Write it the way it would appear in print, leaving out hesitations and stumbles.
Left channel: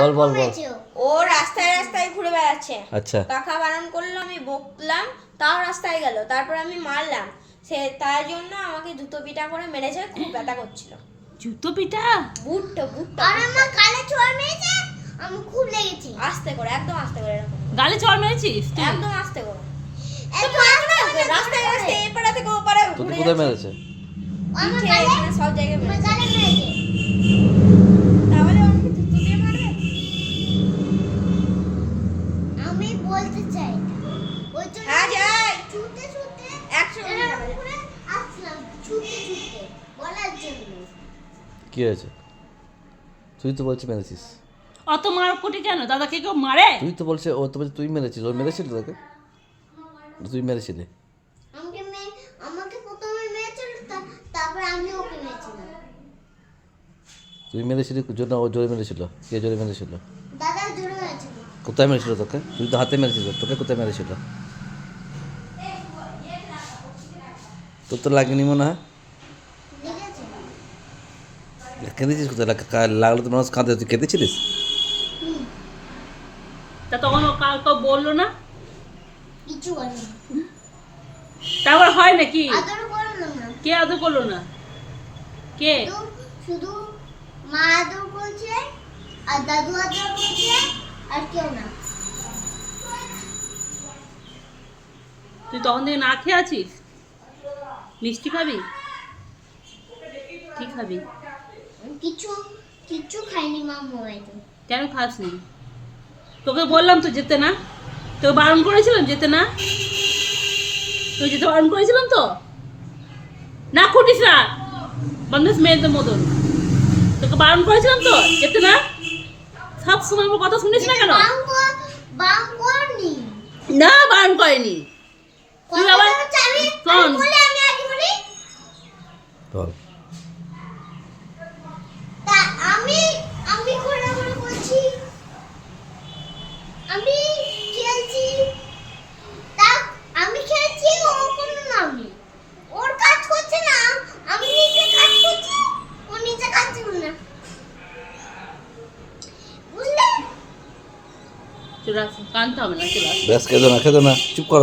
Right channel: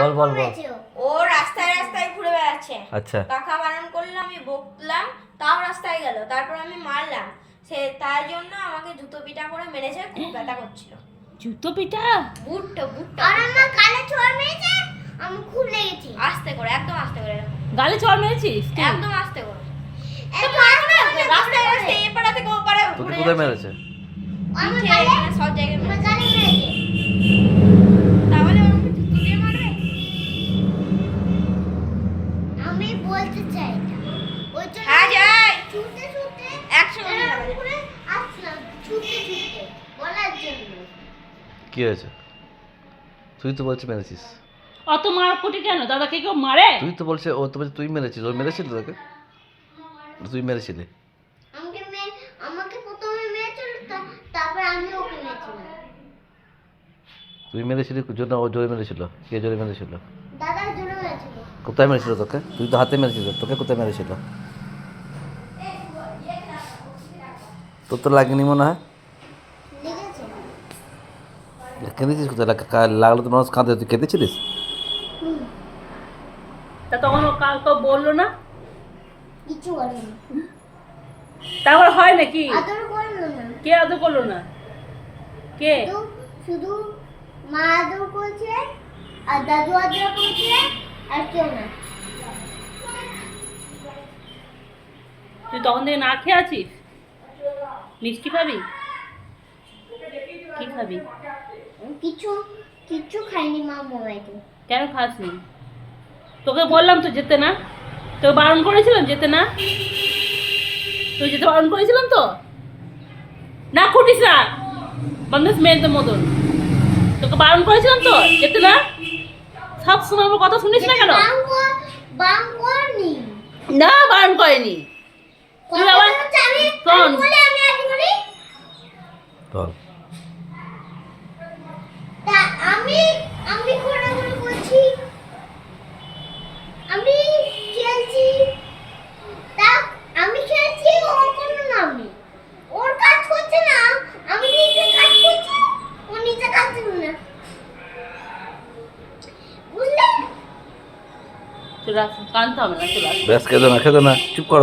বল বল বল। ও রাস্তায় রাস্তায় ঘুরে বেড়াচ্ছে। আচ্ছা। কাকা বারণ করলো, আমি বকলাম, তাও রাস্তায় গেল। তারপর আমি মারলাম, সে তার জন্য আমাকে জুতো পিটা করে মেরেছে, খুব ব্যথা করছিল। জুতো পিটা? বুটটা আর আমার গালে ছোঁয়া মেরেছে, আমি খুব লেগেছে। আস্তে করে, একদম আস্তে করে এরকম। গালে চড় মেরেছিস তুই? একদম আস্তে করে। রাস্তায় রাস্তায় এই পাড়া থেকে ও পাড়া তোকে ঘুরে কোথায় যাচ্ছে। মেরেছে? আমার পিঠে, গালে এখানে সব জায়গায় আমার মেরেছে। গালে মেরেছে। তাহলে আমাকে জুতো দিয়ে মারবে? আমি বলতে চাই না। ওই জন্য হ্যাঁ যাই। ছুটে ছুটে একসঙ্গে এরকম করে আসলাম, ছুটে ছুটে বলার জন্য। কি হয়েছে? তুই তো বলছিস মেরেছিস। অত মারকুটি কেন? দাদাকে কেউ মারে? তুই তো বলছে, ও তো বলছে তুই মেরেছিস। ও মেরেছিল তোকে? তুই মেরেছিলি? আমাকে প্রথমে মেরেছিল, তারপর আমি ওকে মেরেছিলাম। তুই মেরেছিলি জন্য ও জোরে মেরেছিল? কে জোরে মেরেছিল? দাদা জোরে মেরেছিল। কোথায় মেরেছিল তোকে? তুই তো হাতে মেরেছিস, তোকে কোথায় মেরেছিল? তোর তো লাগেনি মনে হয়। লেগেছে। কেঁদেছিস কোথায়? লাগলো তো মানুষ কাঁদে, তুই কেঁদেছিলিস? তা তখন ও কাউকে বললো না? কিছু বলেনি। তারপর হয় নাকি? আদর করলো না। কে আদর করলো না? কে? শুধু মা আদর করছে, আর দাদু আদর করছে, আর কেউ না। তুই তখন থেকে না খেয়ে আছিস? মিষ্টি খাবি? কি খাবি? কিছু কিছু খাইনি মা মোবাইলে। কেন খাসনি? তোকে বললাম তো যেতে না, তোকে বারণ করেছিলাম যেতে না, তুই যেতে বারণ করেছিলাম তো। না খুঁটিস না বাংলাদেশ মেয়েদের মতন, তোকে বারণ করেছিলাম তো যেতে না। সব সময় আমার কথা শুনিস না কেন? বাম করনি। না বারণ করেনি। তুই আবার শোন, আমি আগে বলি। বল। তা আমি আমি ঘোরাঘুরি করছি, আমি খেলছি, তা আমি খেলছি, ও কোনো নামে ওর কাজ করছে না, আমি নিচে কাজ করছি, ও নিচে কাজ করছে না, বুঝলে? চলে আস, কানতে হবে না, চলে আস। ব্যাস খেতে না, খেতে না, চুপ কর।